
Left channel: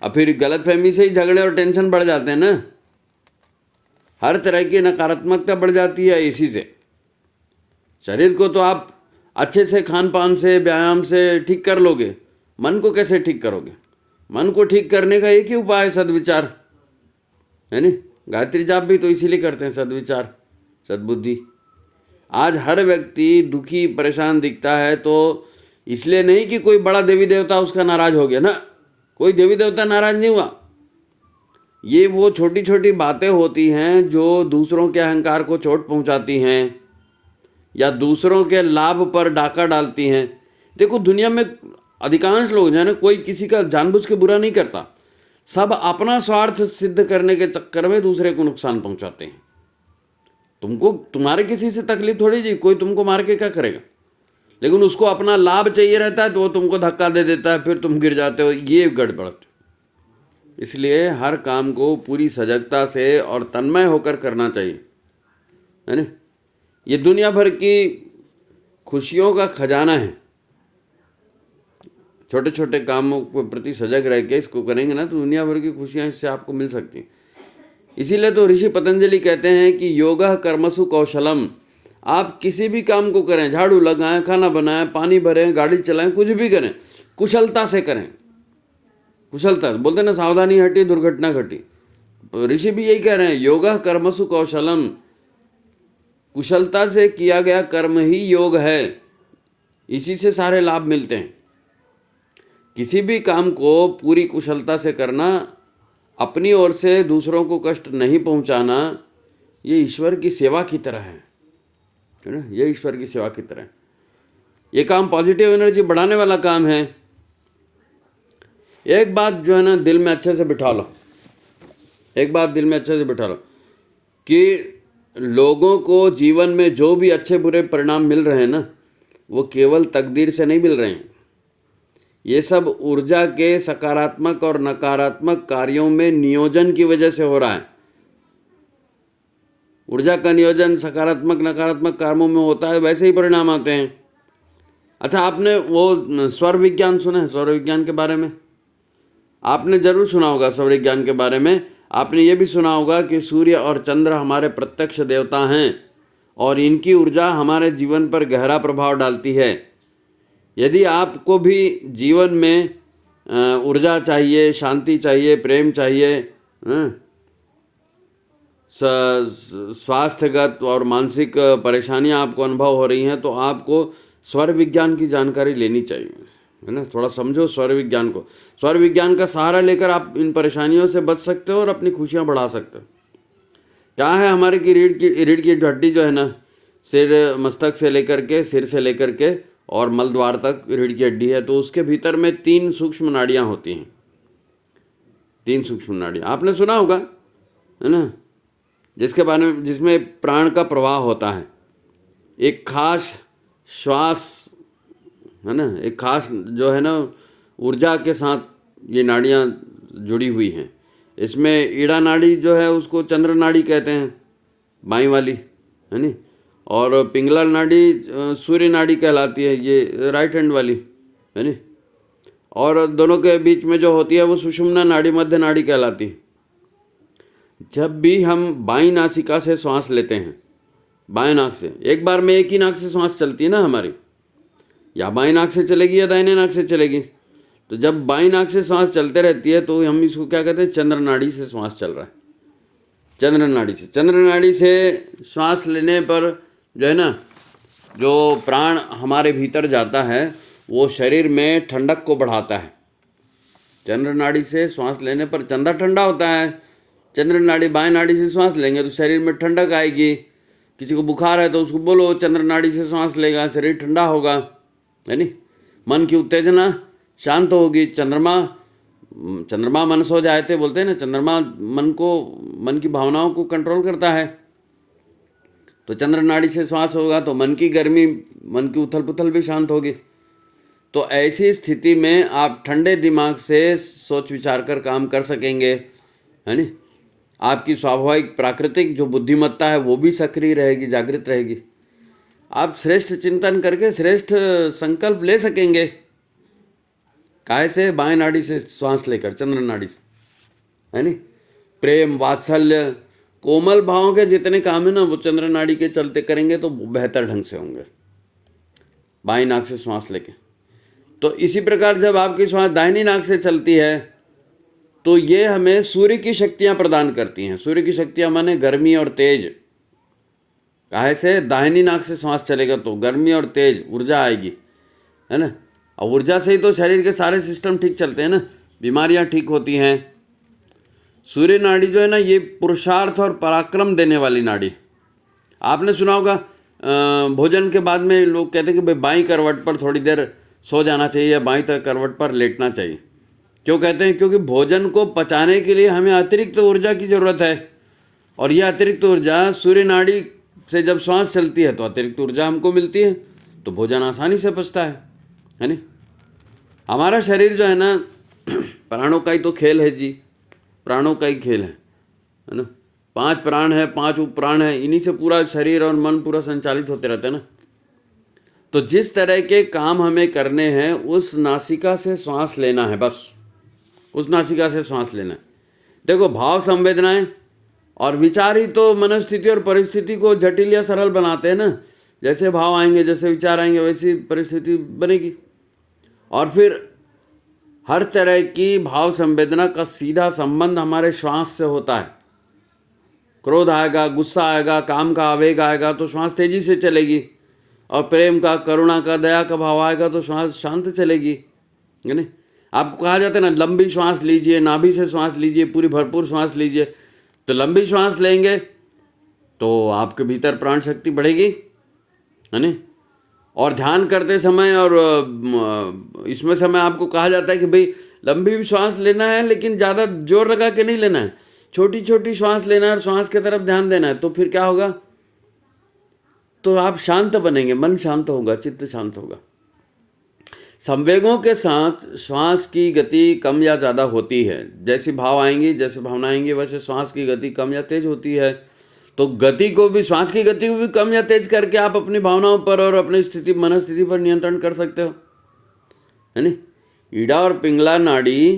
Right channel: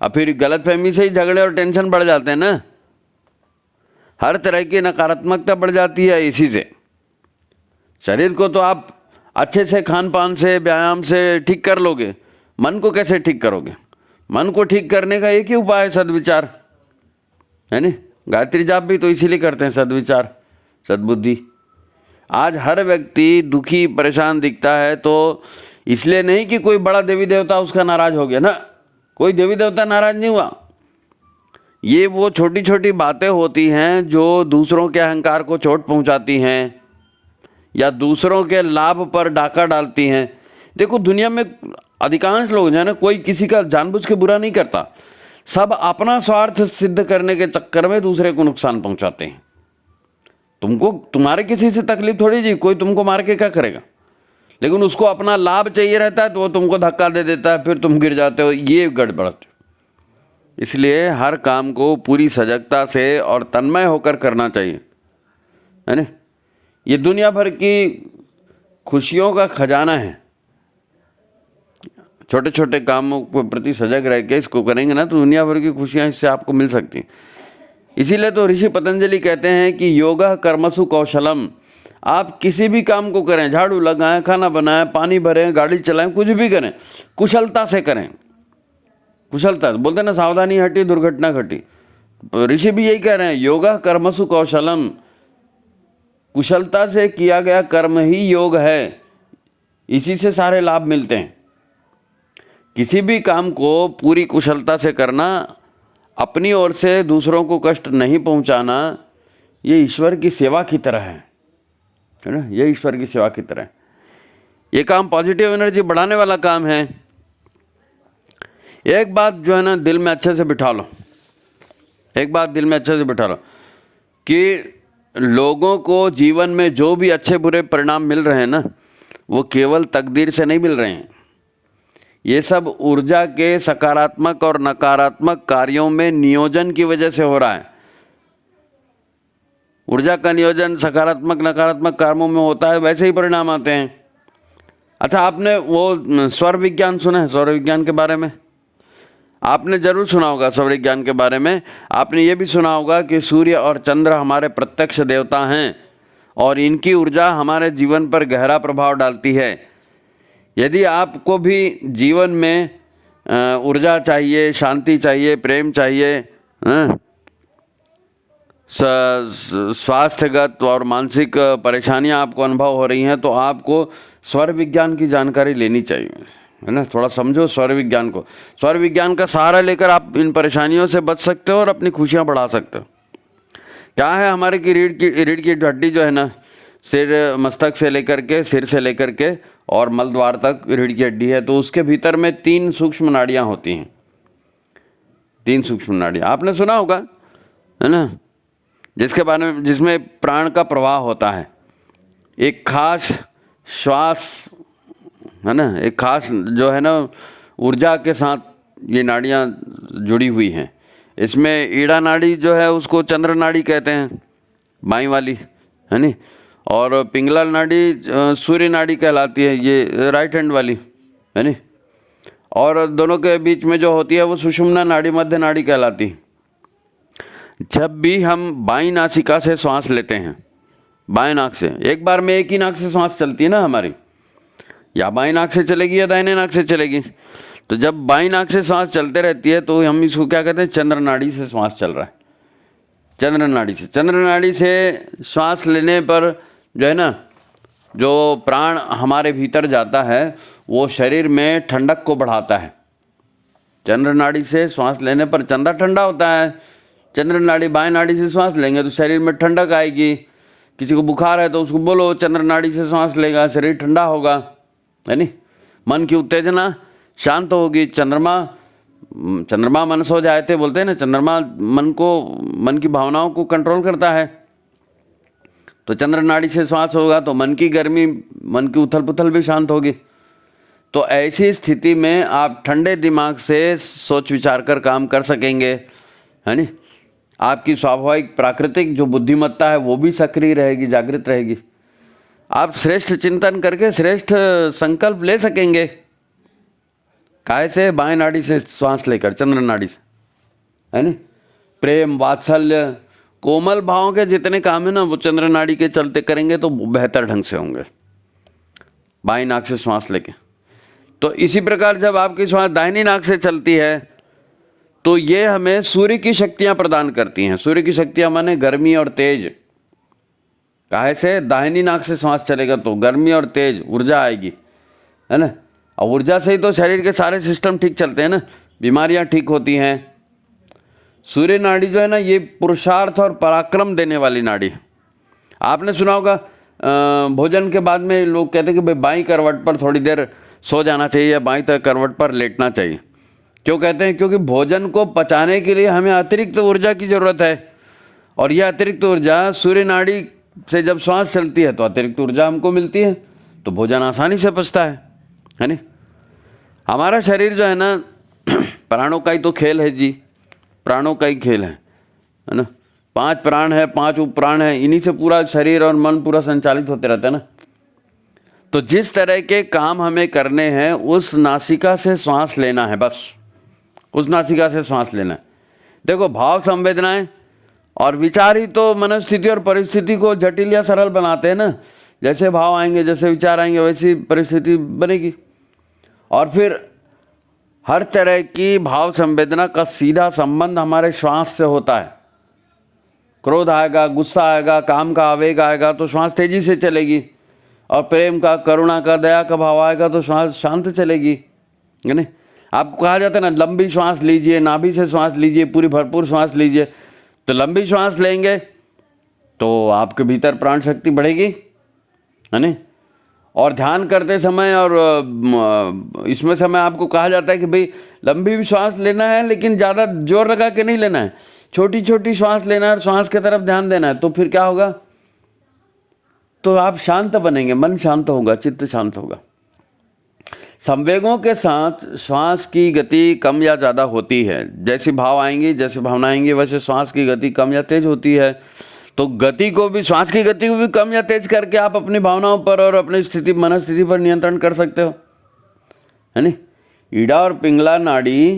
अब फिर गलतफहमी से ही झगड़े और टेंशन बढ़ जाते हैं ना। हर तरह की नकारात्मकता बढ़ जाती है इसी से। शरीर को तो आप अच्छे से खान पान से, व्यायाम से ठीक कर लोगे, मन को कैसे ठीक करोगे? मन को ठीक करने का एक ही उपाय है, सद्विचार, है नहीं। गायत्री जाप भी तो इसीलिए करते हैं, सद्विचार, सद्बुद्धि। आज हर व्यक्ति दुखी परेशान दिखता है तो इसलिए नहीं कि कोई बड़ा देवी देवता उसका नाराज हो गया ना, कोई देवी देवता नाराज नहीं हुआ। ये वो छोटी छोटी बातें होती हैं जो दूसरों के अहंकार को चोट पहुंचाती हैं या दूसरों के लाभ पर डाका डालती हैं। देखो दुनिया में अधिकांश लोग जो है ना, कोई किसी का जानबूझ के बुरा नहीं करता, सब अपना स्वार्थ सिद्ध करने के चक्कर में दूसरे को नुकसान पहुंचाते हैं। तुमको तुम्हारे किसी से तकलीफ थोड़ी जी, कोई तुमको मार के क्या करेगा, लेकिन उसको अपना लाभ चाहिए रहता है तो वो तुमको धक्का दे देता है, फिर तुम गिर जाते हो, ये गड़बड़। इसलिए हर काम को पूरी सजगता से और तन्मय होकर करना चाहिए, है ना। ये दुनिया भर की खुशियों का खजाना है। छोटे छोटे कामों के प्रति सजग रह के इसको करेंगे ना, तो दुनिया भर की खुशियां इससे आपको मिल सकती हैं। इसीलिए तो ऋषि पतंजलि कहते हैं कि योगः कर्मसु कौशलम। आप किसी भी काम को करें, झाड़ू लगाएं, खाना बनाएं, पानी भरें, गाड़ी चलाएं, कुछ भी करें, कुशलता से करें। कुशलता बोलते ना, सावधानी हटी दुर्घटना घटी। ऋषि भी यही कह रहे हैं, योगः कर्मसु कौशलम। कुशलता से किया गया कर्म ही योग है, इसी से सारे लाभ मिलते हैं। किसी भी काम को पूरी कुशलता से करना, अपनी ओर से दूसरों को कष्ट नहीं पहुंचाना, ये ईश्वर की सेवा की तरह है ना। ये ईश्वर की सेवा की तरह है। ये काम पॉजिटिव एनर्जी बढ़ाने वाला काम है। एक बात जो है ना दिल में अच्छे से बिठा लो, एक बात दिल में अच्छे से बिठा लो कि लोगों को जीवन में जो भी अच्छे बुरे परिणाम मिल रहे हैं ना, वो केवल तकदीर से नहीं मिल रहे हैं। ये सब ऊर्जा के सकारात्मक और नकारात्मक कार्यों में नियोजन की वजह से हो रहा है। ऊर्जा का नियोजन सकारात्मक नकारात्मक कर्मों में होता है, वैसे ही परिणाम आते हैं। अच्छा, आपने वो स्वर विज्ञान सुना है? सौर विज्ञान के बारे में आपने जरूर सुना होगा। सौर विज्ञान के बारे में आपने ये भी सुना होगा कि सूर्य और चंद्र हमारे प्रत्यक्ष देवता हैं और इनकी ऊर्जा हमारे जीवन पर गहरा प्रभाव डालती है। यदि आपको भी जीवन में ऊर्जा चाहिए, शांति चाहिए, प्रेम चाहिए, स्वास्थ्यगत और मानसिक परेशानियां आपको अनुभव हो रही हैं, तो आपको स्वर विज्ञान की जानकारी लेनी चाहिए, है ना। थोड़ा समझो स्वर विज्ञान को। स्वर विज्ञान का सहारा लेकर आप इन परेशानियों से बच सकते हो और अपनी खुशियां बढ़ा सकते हो। क्या है, हमारे की रीढ़ की हड्डी जो है ना, सिर, मस्तक से लेकर के, सिर से लेकर के और मलद्वार तक रीढ़ की हड्डी है। तो उसके भीतर में 3 सूक्ष्म नाड़ियाँ होती हैं, 3 सूक्ष्म नाड़ियाँ आपने सुना होगा, है ना, जिसके बारे में, जिसमें प्राण का प्रवाह होता है। एक खास श्वास, है ना, एक खास जो है ना ऊर्जा के साथ ये नाड़ियाँ जुड़ी हुई हैं। इसमें ईड़ा नाड़ी जो है उसको चंद्र नाड़ी कहते हैं, बाईं वाली, है नी, और पिंगला नाड़ी सूर्य नाड़ी कहलाती है, ये राइट हैंड वाली, है नी, और दोनों के बीच में जो होती है वो सुषुम्ना नाड़ी, मध्य नाड़ी कहलाती है। जब भी हम बाईं नासिका से श्वास लेते हैं, बाएं नाक से, एक बार में एक ही नाक से श्वास चलती है ना हमारी, या बाईं नाक से चलेगी या दाहिने नाक से चलेगी। तो जब बाईं नाक से सांस चलते रहती है तो हम इसको क्या कहते हैं, चंद्र नाड़ी से श्वास चल रहा है, चंद्र नाड़ी से। चंद्र नाड़ी से श्वास लेने पर जो है ना, जो प्राण हमारे भीतर जाता है वो शरीर में ठंडक को बढ़ाता है। चंद्र नाड़ी से श्वास लेने पर चंद्र ठंडा होता है। चंद्र नाड़ी, बाएं नाड़ी से श्वास लेंगे तो शरीर में ठंडक आएगी। किसी को बुखार है तो उसको बोलो चंद्र नाड़ी से श्वास लेगा, शरीर ठंडा होगा, है नी। मन की उत्तेजना शांत होगी। चंद्रमा मन सो जाए थे बोलते हैं ना, चंद्रमा मन की भावनाओं को कंट्रोल करता है। तो चंद्र नाड़ी से श्वास होगा तो मन की गर्मी, मन की उथल पुथल भी शांत होगी। तो ऐसी स्थिति में आप ठंडे दिमाग से सोच विचार कर काम कर सकेंगे, है नी। आपकी स्वाभाविक प्राकृतिक जो बुद्धिमत्ता है वो भी सक्रिय रहेगी, जागृत रहेगी। आप श्रेष्ठ चिंतन करके श्रेष्ठ संकल्प ले सकेंगे। काहे से? बाएं नाड़ी से श्वास लेकर, चंद्र नाड़ी से, है नी। प्रेम, वात्सल्य, कोमल भावों के जितने काम है ना वो चंद्र नाड़ी के चलते करेंगे तो बेहतर ढंग से होंगे, बाईं नाक से श्वास लेके। तो इसी प्रकार जब आपकी श्वास दाहिनी नाक से चलती है तो ये हमें सूर्य की शक्तियां प्रदान करती हैं। सूर्य की शक्तियां माने गर्मी और तेज। काहे से? दाहिनी नाक से श्वास चलेगा तो गर्मी और तेज ऊर्जा आएगी, है ना। और ऊर्जा से ही तो शरीर के सारे सिस्टम ठीक चलते हैं ना, बीमारियां ठीक होती हैं। सूर्य नाड़ी जो है ना ये पुरुषार्थ और पराक्रम देने वाली नाड़ी है। आपने सुना होगा भोजन के बाद में लोग कहते हैं कि भाई बाईं करवट पर थोड़ी देर सो जाना चाहिए या बाईं करवट पर लेटना चाहिए। क्यों कहते हैं? क्योंकि भोजन को पचाने के लिए हमें अतिरिक्त ऊर्जा की ज़रूरत है, और यह अतिरिक्त ऊर्जा सूर्य नाड़ी से जब श्वास चलती है तो अतिरिक्त ऊर्जा हमको मिलती है, तो भोजन आसानी से पचता है नी। हमारा शरीर जो है ना प्राणों का ही तो खेल है जी, प्राणों का ही खेल है ना। 5 प्राण है, 5 उप प्राण है, इन्हीं से पूरा शरीर और मन पूरा संचालित होते रहता है ना। तो जिस तरह के काम हमें करने हैं उस नासिका से श्वास लेना है, बस उस नासिका से श्वास लेना है। देखो, भाव, संवेदनाएं और विचार ही तो मनस्थिति और परिस्थिति को जटिल या सरल बनाते हैं ना। जैसे भाव आएंगे, जैसे विचार आएंगे, वैसी परिस्थिति बनेगी। और फिर हर तरह की भाव संवेदना का सीधा संबंध हमारे श्वास से होता है। क्रोध आएगा, गुस्सा आएगा, काम का आवेग आएगा तो श्वास तेजी से चलेगी, और प्रेम का, करुणा का, दया का भाव आएगा तो श्वास शांत चलेगी, है ना। आपको कहा जाता है ना, लंबी श्वास लीजिए, नाभि से श्वास लीजिए, पूरी भरपूर श्वास लीजिए। तो लंबी श्वास लेंगे तो आपके भीतर प्राण शक्ति बढ़ेगी, है ना। और ध्यान करते समय और इसमें समय आपको कहा जाता है कि भाई लंबी भी श्वास लेना है लेकिन ज़्यादा जोर लगा के नहीं लेना है, छोटी छोटी श्वास लेना है, श्वास की तरफ ध्यान देना है। तो फिर क्या होगा? तो आप शांत बनेंगे, मन शांत होगा, चित्त शांत होगा। संवेगों के साथ श्वास की गति कम या ज़्यादा होती है। जैसे भाव आएंगे, जैसे भावना आएंगी, वैसे श्वास की गति कम या तेज होती है। तो गति को भी, श्वास की गति को भी कम या तेज करके आप अपनी भावनाओं पर और अपनी स्थिति, मनस्थिति पर नियंत्रण कर सकते हो, है नी। ईड़ा और पिंगला नाड़ी,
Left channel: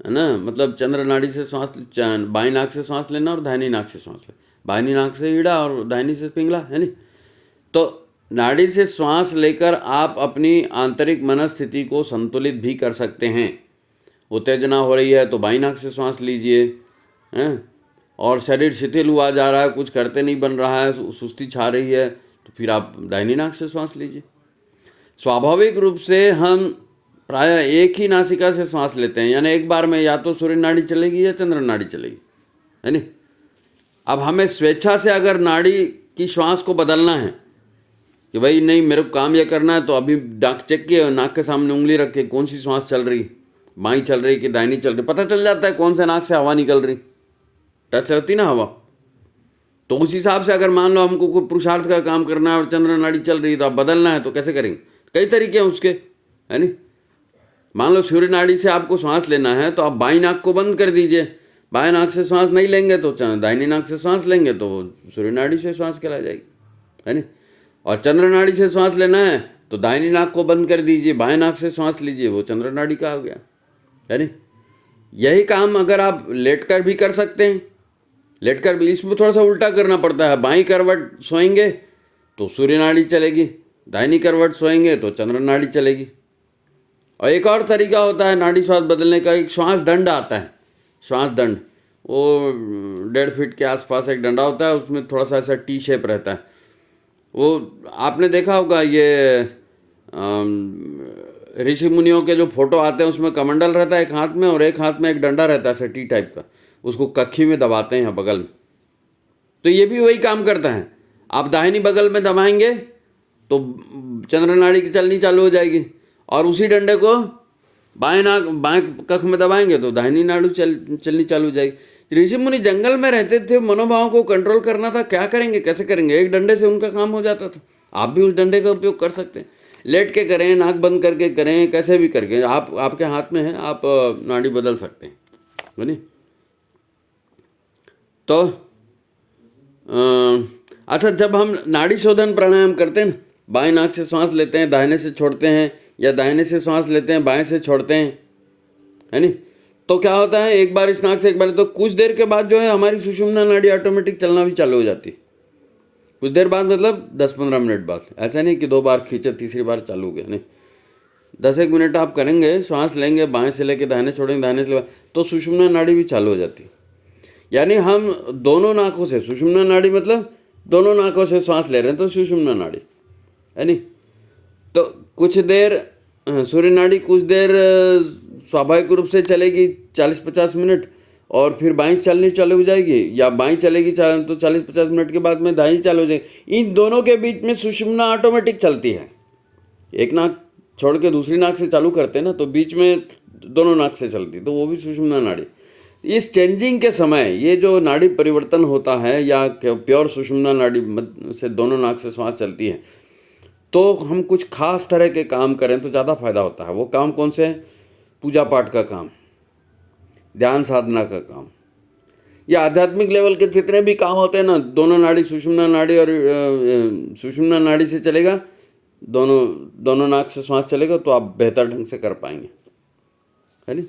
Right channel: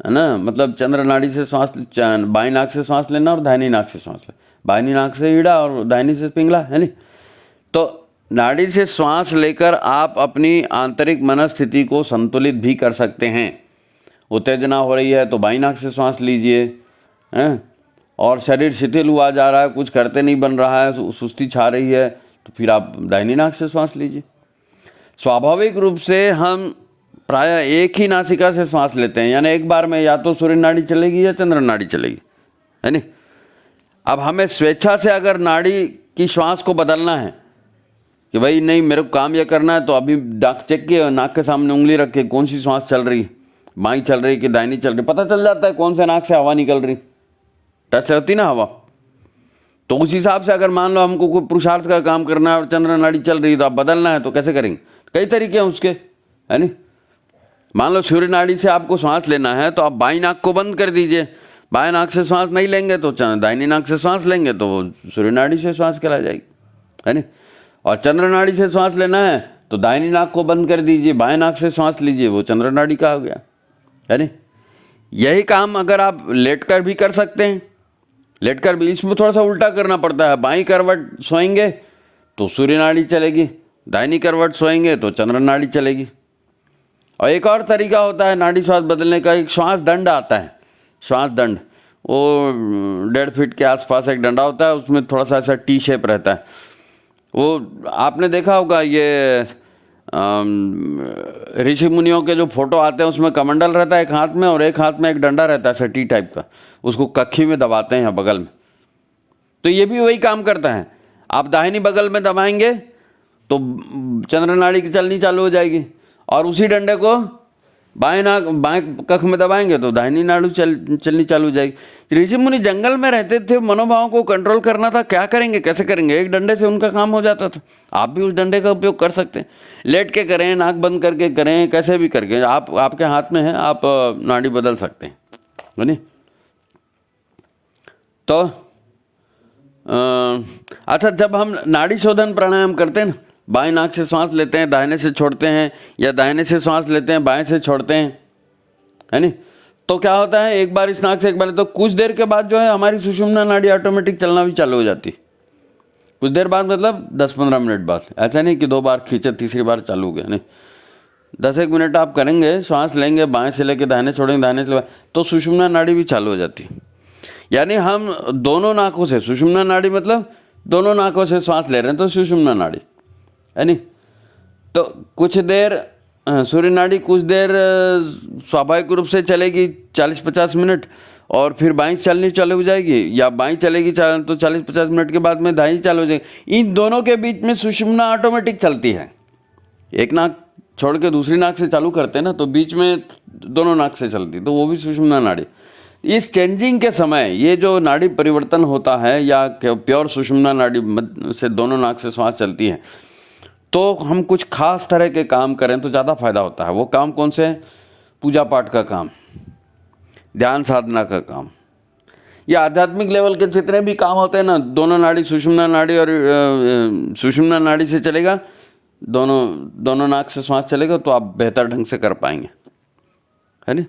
है ना, मतलब चंद्र नाड़ी से श्वास, बाईं नाक से श्वास लेना और दाहिनी नाक से श्वास लेना। बाईं नाक से ईड़ा और दाहिनी से पिंगला, है नी। तो नाड़ी से श्वास लेकर आप अपनी आंतरिक मनस्थिति को संतुलित भी कर सकते हैं। उत्तेजना हो रही है तो बाईं नाक से श्वास लीजिए, हैं, और शरीर शिथिल हुआ जा रहा है, कुछ करते नहीं बन रहा है, सुस्ती छा रही है, तो फिर आप दाहिनी नाक से श्वास लीजिए। स्वाभाविक रूप से हम प्रायः एक ही नासिका से श्वास लेते हैं, यानी एक बार में या तो सूर्य नाड़ी चलेगी या चंद्र नाड़ी चलेगी, है नी। अब हमें स्वेच्छा से अगर नाड़ी की श्वास को बदलना है कि भाई नहीं मेरे को काम यह करना है, तो अभी नाक चेक किया और नाक के सामने उंगली रख के कौन सी सांस चल रही, बाईं चल रही कि दाहिनी चल रही, पता चल जाता है कौन से नाक से हवा निकल रही, टच होती ना हवा। तो उस हिसाब से अगर मान लो हमको कोई पुरुषार्थ का काम करना है और चंद्र नाड़ी चल रही है तो आप बदलना है, तो कैसे करेंगे? कई तरीके हैं उसके, है नहीं। मान लो सूर्य नाड़ी से आपको सांस लेना है तो आप बाईं नाक को बंद कर दीजिए, बाएं नाक से सांस नहीं लेंगे तो दाहिनी नाक से सांस लेंगे तो सूर्य नाड़ी से सांस चला जाएगी, है नहीं। और चंद्र नाड़ी से सांस लेना है तो दाहिनी नाक को बंद कर दीजिए, बाएं नाक से सांस लीजिए, वो चंद्र नाड़ी का हो गया, है नहीं। यही काम अगर आप लेट कर भी कर सकते हैं, लेट कर भी, इसमें थोड़ा सा उल्टा करना पड़ता है। बाईं करवट सोएंगे तो सूर्य नाड़ी चलेगी, दाहिनी करवट सोएंगे तो चंद्र नाड़ी चलेगी। और एक और तरीका होता है नाड़ी श्वास बदलने का, एक श्वास दंड आता है, श्वास दंड, वो 1.5 फीट के आसपास एक डंडा होता है, उसमें थोड़ा सा ऐसा टी शेप रहता है। वो आपने देखा होगा, ये ऋषि मुनियों के जो फोटो आते हैं उसमें कमंडल रहता है एक हाथ में और एक हाथ में एक डंडा रहता है ऐसा टी टाइप का, उसको कक्खी में दबाते हैं बगल में। तो ये भी वही काम करता है। आप दाहिनी बगल में दबाएंगे तो चंद्र नाड़ी की चलनी चालू हो जाएगी, और उसी डंडे को बाएं कख में दबाएंगे तो दाहिनी नाड़ी चलनी चालू हो जाएगी। ऋषि मुनि जंगल में रहते थे, मनोभाव को कंट्रोल करना था, क्या करेंगे, कैसे करेंगे? एक डंडे से उनका काम हो जाता था। आप भी उस डंडे का उपयोग कर सकते हैं, लेट के करें, नाक बंद करके करें, कैसे भी करके, आपके हाथ में है, आप नाड़ी बदल सकते हैं, है नहीं। तो अच्छा, जब हम नाड़ी शोधन प्राणायाम करते हैं ना, बाएं नाक से सांस लेते हैं, दाहिने से छोड़ते हैं, या दाहिने से सांस लेते हैं, बाएं से छोड़ते हैं, है नहीं। तो क्या होता है, एक बार इस नाक से एक बार, तो कुछ देर के बाद जो है हमारी सुषुम्ना नाड़ी ऑटोमेटिक चलना भी चालू हो जाती। कुछ देर बाद मतलब 10-15 मिनट बाद, ऐसा नहीं कि 2 बार खींचे तीसरी बार चालू हो गया, नहीं। 10-1 मिनट आप करेंगे, सांस लेंगे, बाएं से लेके दाहिने छोड़ेंगे, दाहिने से तो सुषुम्ना नाड़ी भी चालू हो जाती है। यानी हम दोनों नाकों से, सुषुम्ना नाड़ी मतलब दोनों नाकों से सांस ले रहे हैं तो सुषुम्ना नाड़ी, है नहीं। तो कुछ देर सूर्य नाड़ी कुछ देर स्वाभाविक रूप से चलेगी 40-50 मिनट, और फिर बाईं चलनी चालू हो जाएगी, या बाईं चलेगी तो 40-50 मिनट के बाद में दाहिनी चालू हो जाएगी। इन दोनों के बीच में सुषुम्ना ऑटोमेटिक चलती है। एक नाक छोड़ के दूसरी नाक से चालू करते हैं ना, तो बीच में दोनों नाक से चलती, तो वो भी सुषुम्ना नाड़ी। इस चेंजिंग के समय ये जो नाड़ी परिवर्तन होता है, या प्योर सुषुम्ना नाड़ी से दोनों नाक से सांस चलती है, तो हम कुछ खास तरह के काम करें तो ज़्यादा फायदा होता है। वो काम कौन से? पूजा पाठ का काम, ध्यान साधना का काम, या आध्यात्मिक लेवल के जितने भी काम होते हैं ना, दोनों नाड़ी, सुषुम्ना नाड़ी और सुषुम्ना नाड़ी से चलेगा, दोनों नाक से सांस चलेगा, तो आप बेहतर ढंग से कर पाएंगे, है नहीं।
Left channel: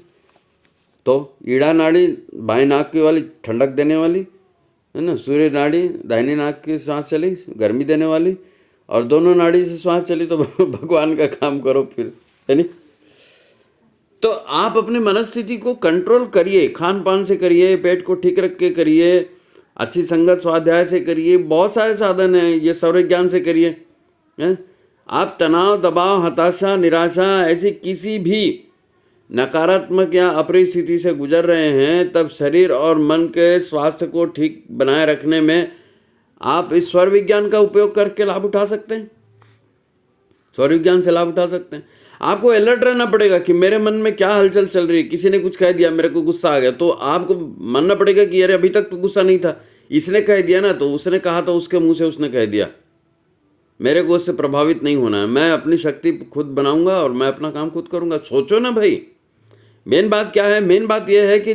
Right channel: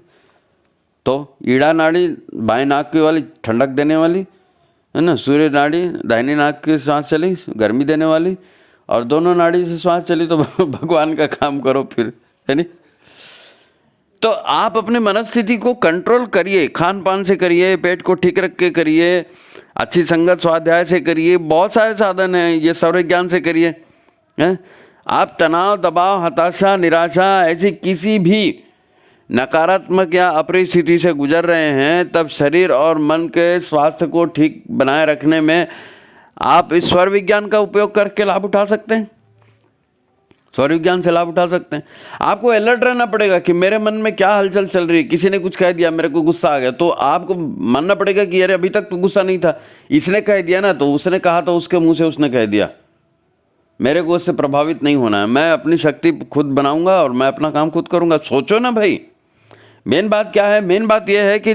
तो ईड़ा नाड़ी बाएं नाक की वाली, ठंडक देने वाली, है ना। सूर्य नाड़ी दाहिनी नाक की सांस चली, गर्मी देने वाली, और दोनों नाड़ी से सांस चली तो भगवान का काम करो फिर, है नहीं। तो आप अपने मनस्थिति को कंट्रोल करिए, खान पान से करिए, पेट को ठीक रख के करिए, अच्छी संगत स्वाध्याय से करिए, बहुत सारे साधन हैं, ये सर्वज्ञान से करिए, हैं। आप तनाव, दबाव, हताशा, निराशा, ऐसी किसी भी नकारात्मक या अप्रिय स्थिति से गुजर रहे हैं, तब शरीर और मन के स्वास्थ्य को ठीक बनाए रखने में आप इस स्वर विज्ञान का उपयोग करके लाभ उठा सकते हैं, स्वर विज्ञान से लाभ उठा सकते हैं। आपको अलर्ट रहना पड़ेगा कि मेरे मन में क्या हलचल चल रही है। किसी ने कुछ कह दिया, मेरे को गुस्सा आ गया, तो आपको मानना पड़ेगा कि अरे अभी तक तो गुस्सा नहीं था, इसने कह दिया ना, तो उसने कहा तो उसके मुंह से उसने कह दिया, मेरे को उससे प्रभावित नहीं होना है, मैं अपनी शक्ति खुद बनाऊंगा और मैं अपना काम खुद करूंगा। सोचो ना भाई, मेन बात क्या है? मेन बात यह है कि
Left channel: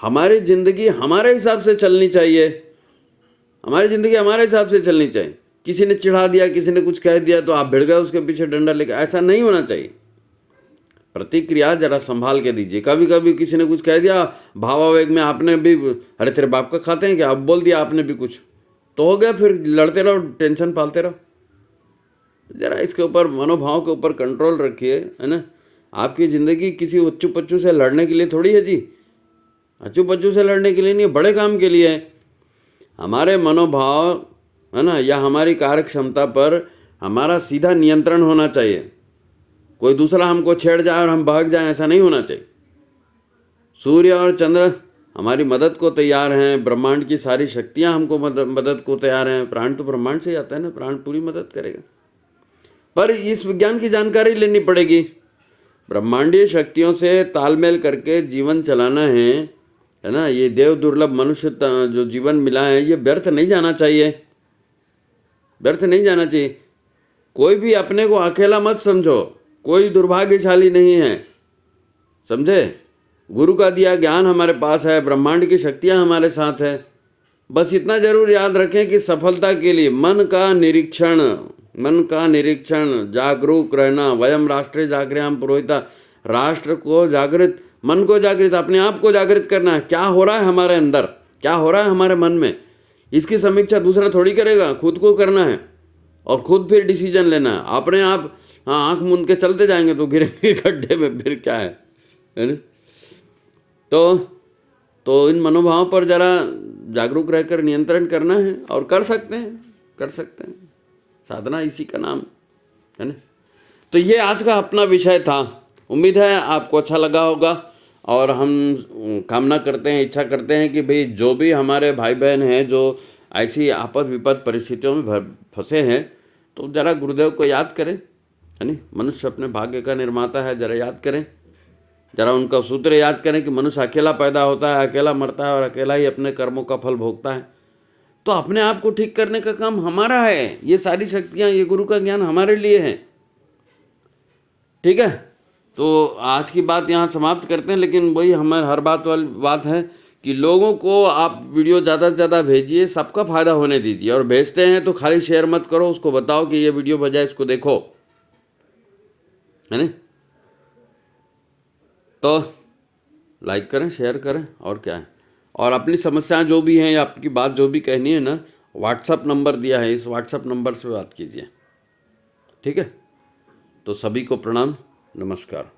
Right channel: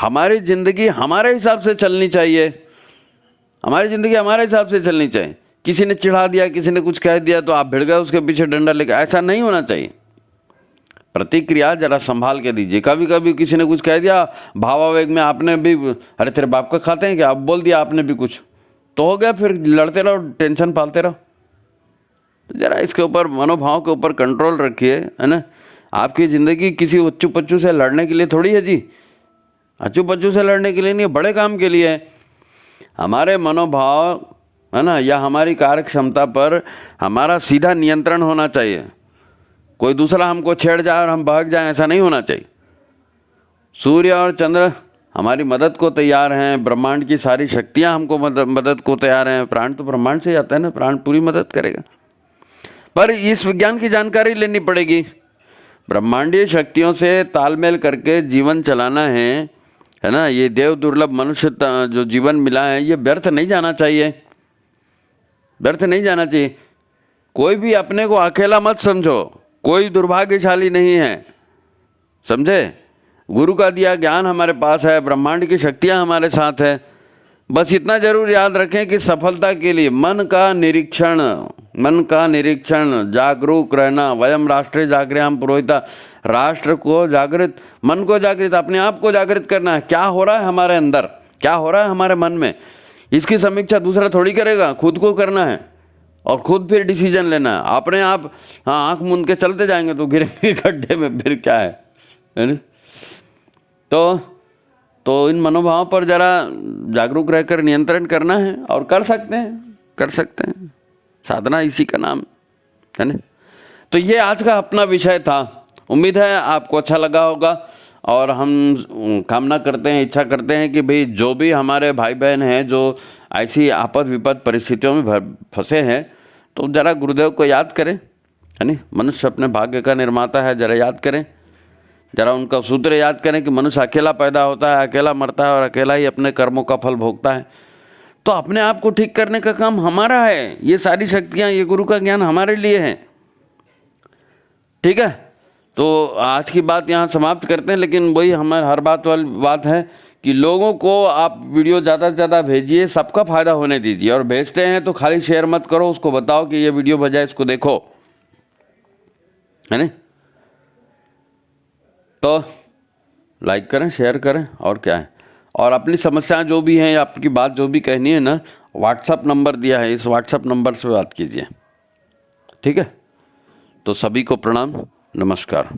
हमारी ज़िंदगी हमारे हिसाब से चलनी चाहिए, हमारी ज़िंदगी हमारे हिसाब से चलनी चाहिए। किसी ने चिढ़ा दिया, किसी ने कुछ कह दिया तो आप भिड़ गए उसके पीछे डंडा लेकर, ऐसा नहीं होना चाहिए। प्रतिक्रिया जरा संभाल के दीजिए। कभी कभी किसी ने कुछ कह दिया, भावावेग में आपने भी, अरे तेरे बाप का खाते हैं क्या, अब बोल दिया आपने भी कुछ, तो हो गया, फिर लड़ते रहो, टेंशन पालते रहो। जरा इसके ऊपर, मनोभाव के ऊपर कंट्रोल रखिए, है ना। आपकी ज़िंदगी किसी उच्चू पच्चू से लड़ने के लिए थोड़ी है जी, अच्चू पच्चू से लड़ने के लिए नहीं, बड़े काम के लिए है। हमारे मनोभाव, है ना, या हमारी कार्य क्षमता पर हमारा सीधा नियंत्रण होना चाहिए। कोई दूसरा हमको छेड़ जाए और हम भाग जाएं, ऐसा नहीं होना चाहिए। सूर्य और चंद्र हमारी मदद को तैयार हैं, ब्रह्मांड की सारी शक्तियां हमको मदद को तैयार हैं। प्राण तो ब्रह्मांड से आता है ना, प्राण पूरी मदद करेगा, पर इस विज्ञान की जानकारी लेनी पड़ेगी। ब्रह्मांडीय शक्तियों से तालमेल करके जीवन चलाना है ना। ये देव दुर्लभ मनुष्य जो जीवन मिला है, ये व्यर्थ नहीं जाना चाहिए, व्यर्थ नहीं जाना चाहिए। कोई भी अपने को अकेला मत समझो, कोई दुर्भाग्यशाली नहीं है, समझे। गुरु का दिया ज्ञान हमारे पास है, ब्रह्मांड की शक्तियाँ हमारे साथ है। बस इतना जरूर याद रखें कि सफलता के लिए मन का निरीक्षण, जागरूक रहना। वयम राष्ट्रे जागृयाम पुरोहिता, राष्ट्र को जागृत, मन को जागृत, अपने आप को जागृत करना है। क्या हो रहा है हमारे अंदर, क्या हो रहा है हमारे मन में, इसकी समीक्षा दूसरा थोड़ी करेगा, खुद को करना है और खुद फिर डिसीजन लेना है। अपने आप हाँ आँख मूंद के चलते जाएंगे तो गिरेंगे गड्ढे में, फिर क्या है ना? तो इन मनोभावों पर जरा जागरूक रहकर नियंत्रण करना है और कर सकते हैं। साधना इसी का नाम है ना। तो ये आज का अपना विषय था। उम्मीद है आपको अच्छा लगा होगा और हम कामना करते हैं, इच्छा करते हैं कि भाई जो भी हमारे भाई बहन हैं जो ऐसी आपद विपद परिस्थितियों में फंसे हैं, तो जरा गुरुदेव को याद करें, है ना। मनुष्य अपने भाग्य का निर्माता है, जरा याद करें, जरा उनका सूत्र याद करें कि मनुष्य अकेला पैदा होता है, अकेला मरता है और अकेला ही अपने कर्मों का फल भोगता है। तो अपने आप को ठीक करने का काम हमारा है। ये सारी शक्तियाँ, ये गुरु का ज्ञान हमारे लिए है, ठीक है। तो आज की बात यहाँ समाप्त करते हैं, लेकिन वही हमारे हर बात वाली बात है कि लोगों को आप वीडियो ज़्यादा से ज़्यादा भेजिए, सबका फ़ायदा होने दीजिए। और भेजते हैं तो खाली शेयर मत करो, उसको बताओ कि ये वीडियो बजाय इसको देखो, है ना। तो लाइक करें, शेयर करें, और क्या है। और अपनी समस्याएं जो भी हैं, आपकी बात जो भी कहनी है ना, व्हाट्सअप नंबर दिया है, इस व्हाट्सअप नंबर से बात कीजिए, ठीक है। तो सभी को प्रणाम, नमस्कार।